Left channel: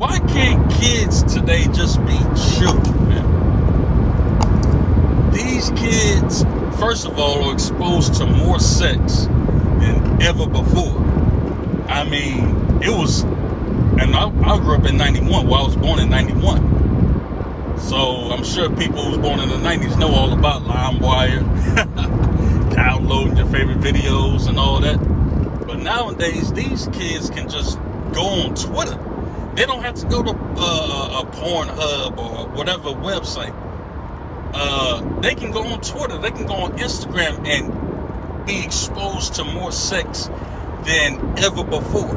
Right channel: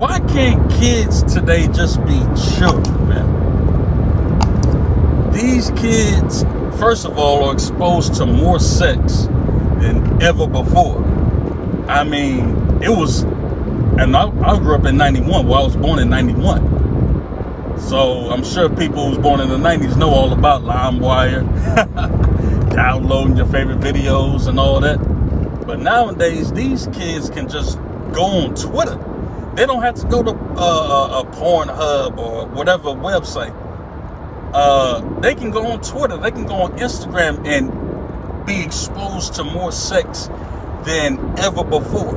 Why can't kids today just be children, man? These kids, first of all, are exposed to more sex than ever before. I mean, it was, and I grew up in 91. Well, I was born in 91. So I'm sure people who was born in the 90s know all about LimeWire, downloading your favorite videos and all that. But nowadays, these kids can just go on Twitter. They don't have to go to a Pornhub or whatever website. They can go on Twitter. They can go on Instagram and be exposed to more sex than ever before.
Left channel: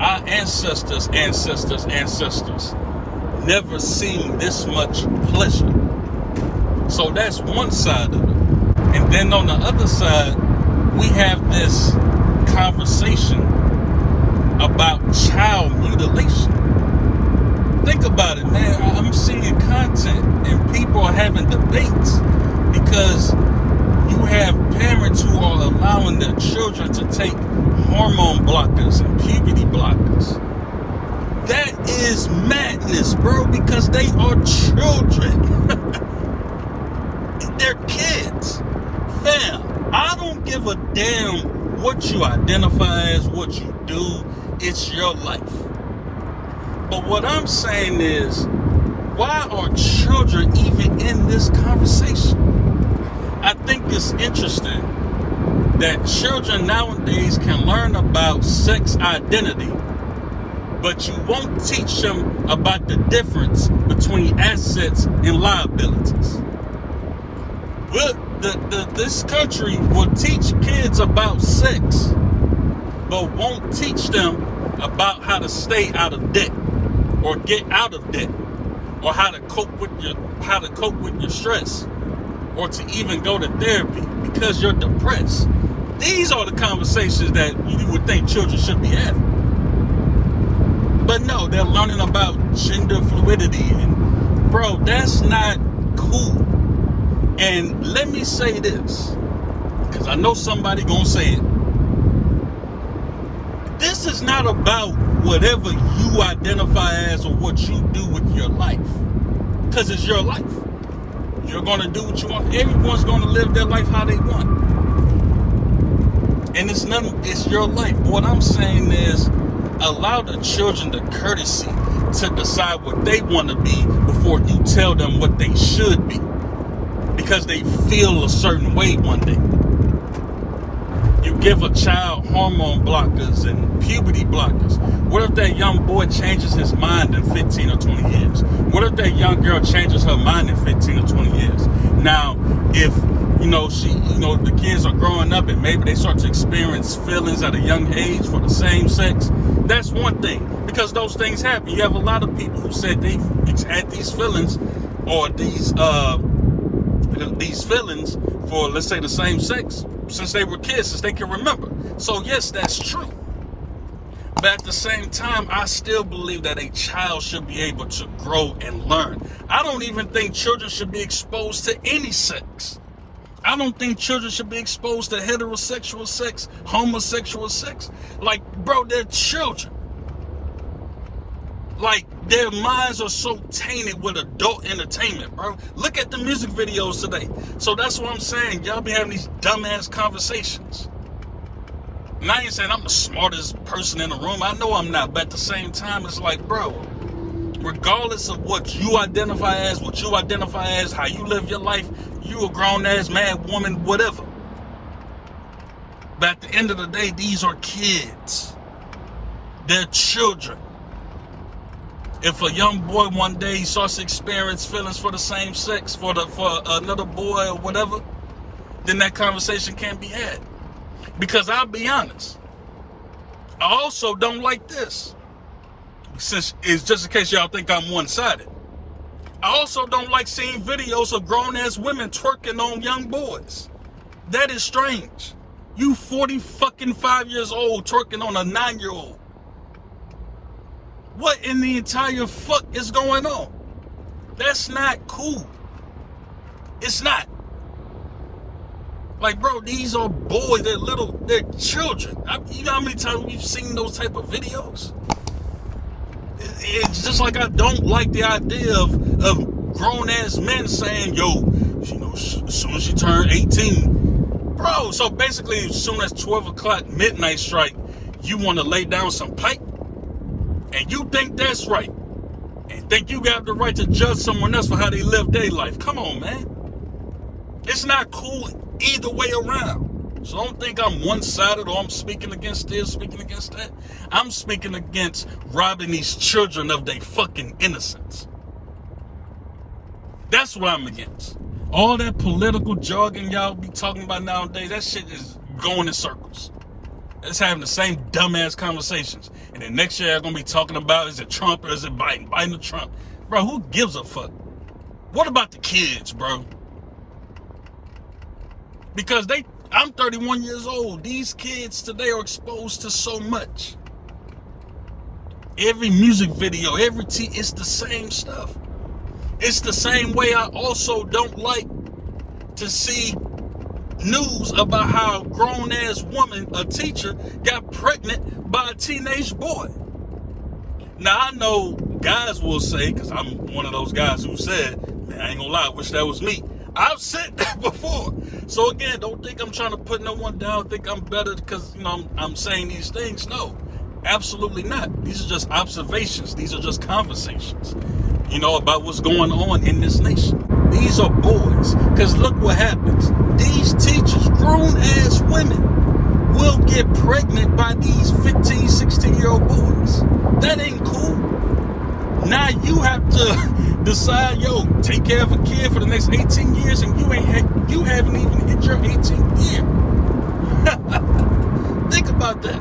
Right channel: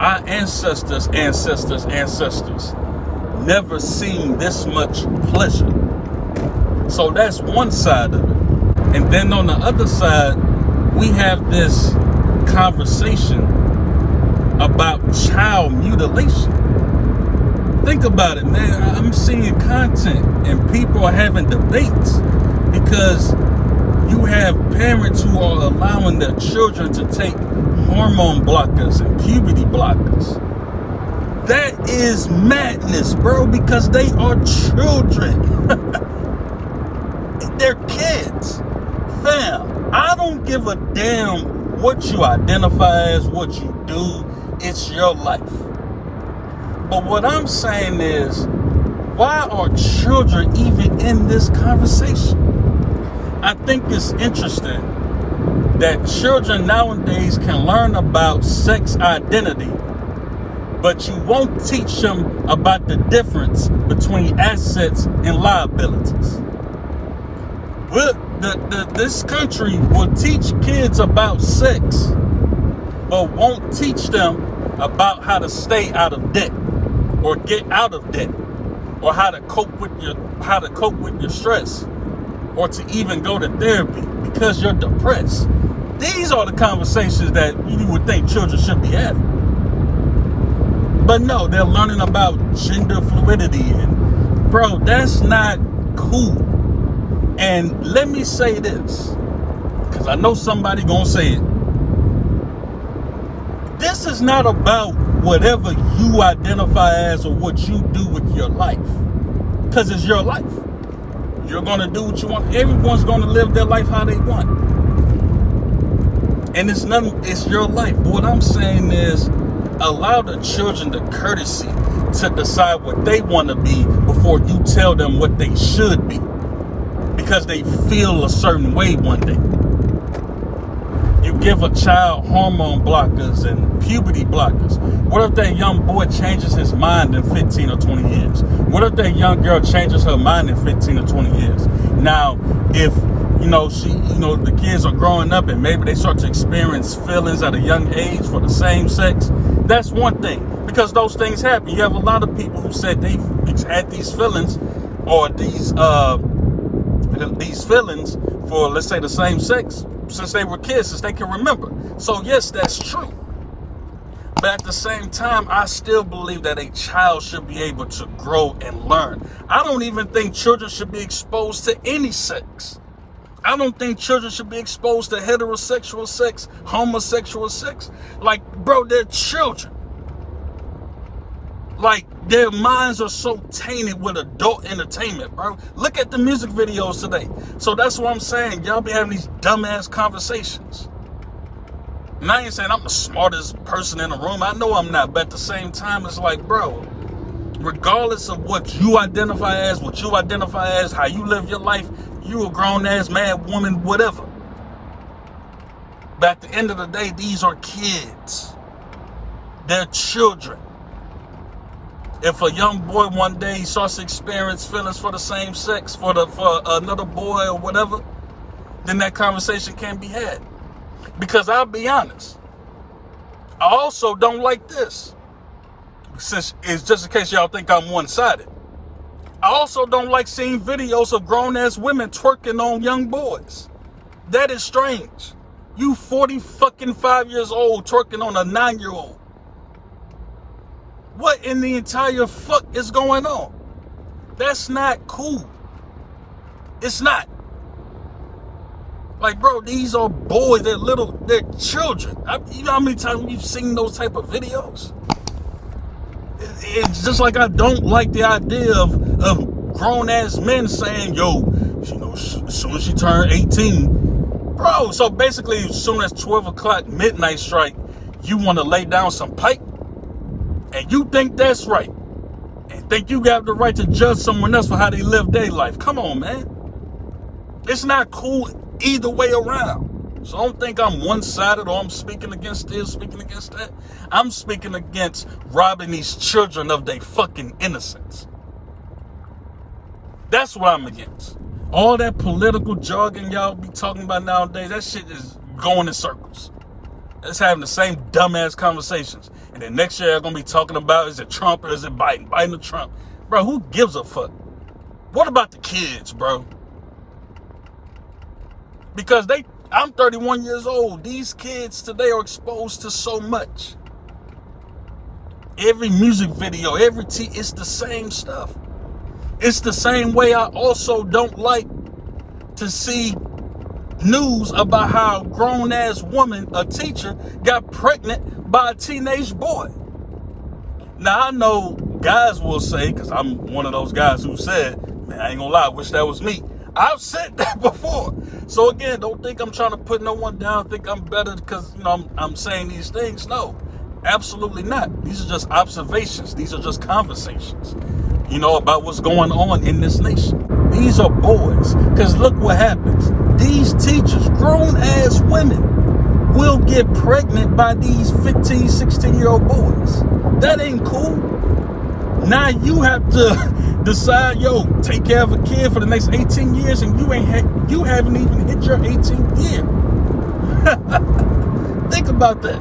Our ancestors never seen this much pleasure. So that's one side of it. And then on the other side, we have this conversation about child mutilation. Think about it, man. I'm seeing content and people are having debates because you have parents who are allowing their children to take hormone blockers and puberty blockers. That is madness, bro, because they are children. They're kids. Fam, I don't give a damn what you identify as, what you do. It's your life. But what I'm saying is, why are children even in this conversation? I think it's interesting that children nowadays can learn about sex identity, but you won't teach them about the difference between assets and liabilities. This country will teach kids about sex, but won't teach them about how to stay out of debt or get out of debt, or how to cope with your stress, or to even go to therapy because you're depressed. These are the conversations that you would think children should be having. But no, they're learning about gender fluidity, and bro, that's not cool. And let me say this, because I know somebody gonna say it. This is not about whatever you identify as or what you do with your life, because it's your life. You're gonna do what you want. Everyone's gonna live their life how they want, and it's your life. But what I'm saying is, allow the children the courtesy to decide what they want to be before you tell them what they should be, because they feel a certain way one day. You give a child hormone blockers and puberty blockers. What if that young boy changes his mind in 15 or 20 years? What if that young girl changes her mind in 15 or 20 years? Now, if the kids are growing up and maybe they start to experience feelings at a young age for the same sex, that's one thing, because those things happen. You have a lot of people who said they've had these feelings or these feelings for, let's say, the same sex since they were kids, since they can remember. So yes, that's true. But at the same time, I still believe that a child should be able to grow and learn. I don't even think children should be exposed to any sex. I don't think children should be exposed to heterosexual sex, homosexual sex. Like, bro, they're children. Like, their minds are so tainted with adult entertainment, bro. Look at the music videos today. So that's what I'm saying. Y'all be having these dumbass conversations. And I ain't saying I'm the smartest person in the room. I know I'm not. But at the same time, it's like, bro, regardless of what you identify as, how you live your life, you a grown-ass man, woman, whatever. But at the end of the day, these are kids. They're children. If a young boy one day starts to experience feelings for the same sex, for another boy or whatever, then that conversation can't be had. Because I'll be honest, I also don't like this. Since it's just in case y'all think I'm one-sided. I also don't like seeing videos of grown-ass women twerking on young boys. That is strange. You 45 years old twerking on a 9-year-old. What in the entire fuck is going on? That's not cool. It's not. Like, bro, these are boys. They're children. You know how many times you've seen those type of videos? It's just like I don't like the idea of grown ass men saying, yo, you know, as soon as you turn 18, bro. So basically, as soon as 12 o'clock midnight strike, you want to lay down some pipe, and you think that's right, and think you got the right to judge someone else for how they live their life. Come on, man. It's not cool either way around. So don't think I'm one-sided or I'm speaking against this, speaking against that. I'm speaking against robbing these children of their fucking innocence. That's what I'm against. All that political jargon y'all be talking about nowadays, that shit is going in circles. It's having the same dumbass conversations. And then next year, I'm going to be talking about, is it Trump or is it Biden? Biden or Trump? Bro, who gives a fuck? What about the kids, bro? Because I'm 31 years old. These kids today are exposed to so much. Every music video, it's the same stuff. It's the same way I also don't like to see news about how a grown-ass woman, a teacher, got pregnant by a teenage boy. Now, I know guys will say, because I'm one of those guys who said, man, I ain't gonna lie, I wish that was me. I've said that before. So again, don't think I'm trying to put no one down, think I'm better because, you know, I'm saying these things. No, absolutely not. These are just observations. These are just conversations, you know, about what's going on in this nation. These are boys. Because look what happens. These teachers, grown-ass women, will get pregnant by these 15, 16-year-old boys. That ain't cool. Now you have to decide, yo, take care of a kid for the next 18 years, and you haven't even hit your 18th year. Think about that.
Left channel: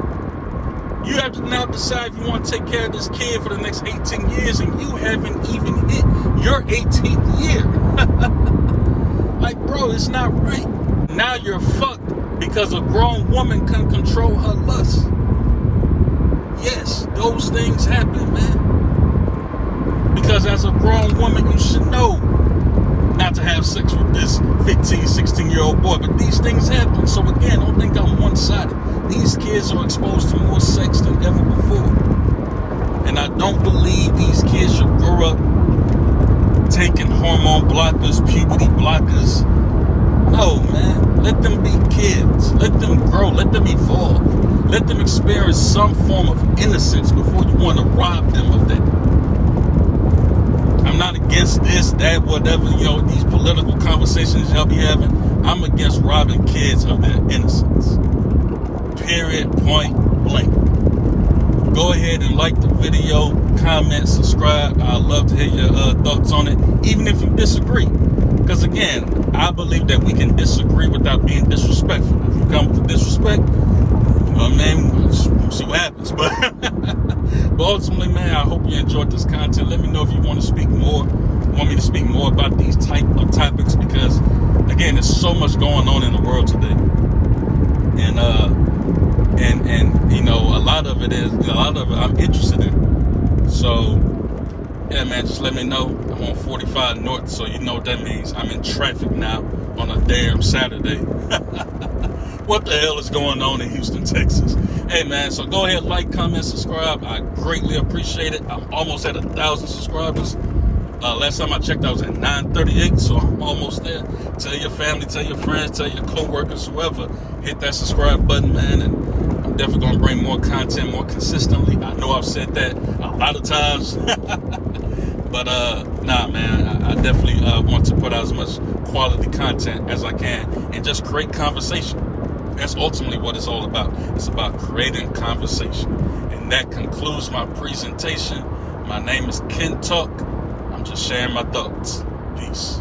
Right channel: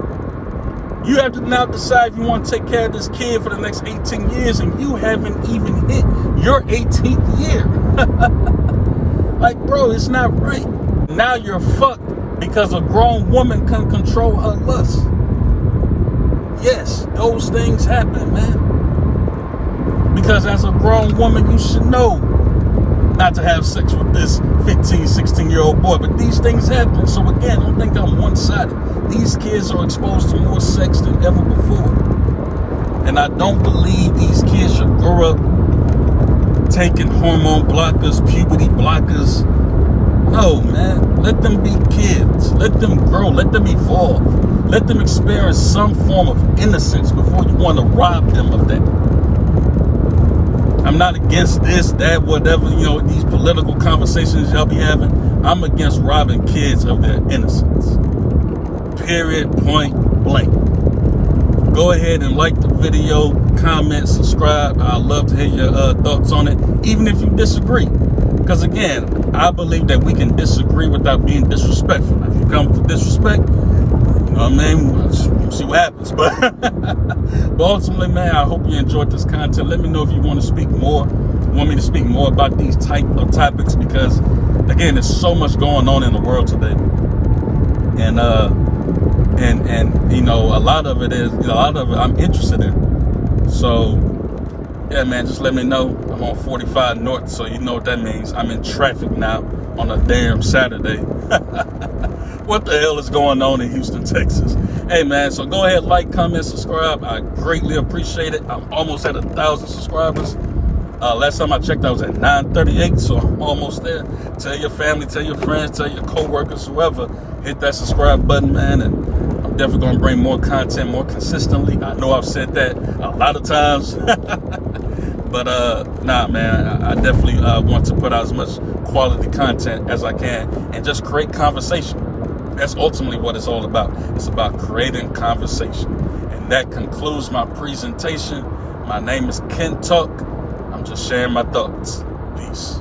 You have to now decide if you want to take care of this kid for the next 18 years, and you haven't even hit your 18th year. Like, bro, it's not right. Now you're fucked because a grown woman can control her lust. Yes, those things happen, man. Because as a grown woman, you should know not to have sex with this 15, 16-year-old boy. But these things happen. So again, don't think I'm one-sided. These kids are exposed to more sex than ever before. And I don't believe these kids should grow up taking hormone blockers, puberty blockers. No, man. Let them be kids. Let them grow. Let them evolve. Let them experience some form of innocence before you want to rob them of that. I'm not against this, that, whatever, you know, these political conversations y'all be having. I'm against robbing kids of their innocence. Period, point blank. Go ahead and like the video, comment, subscribe. I'd love to hear your thoughts on it, even if you disagree. Because again, I believe that we can disagree without being disrespectful. If you come with disrespect, you know what I mean? We'll see what happens. But ultimately, man, I hope you enjoyed this content. Let me know if you want to speak more. Want me to speak more about these type of topics, because again, there's so much going on in the world today. And you know, a lot of it I'm interested in. So yeah, man, just let me know. I'm on 45 North, so you know what that means. I'm in traffic now on a damn Saturday. What the hell is going on in Houston, Texas? Hey, man, so go ahead, like, comment, subscribe. I greatly appreciate it. I'm almost at 1,000 subscribers. Last time I checked, I was at 938, so I'm almost there. Tell your family, tell your friends, tell your co-workers, whoever, hit that subscribe button, man, and I'm definitely going to bring more content more consistently. I know I've said that a lot of times. But, nah, man, I definitely want to put out as much quality content as I can and just create conversation. That's ultimately what it's all about. It's about creating conversation. And that concludes my presentation. My name is Ken Tuck. I'm just sharing my thoughts. Peace.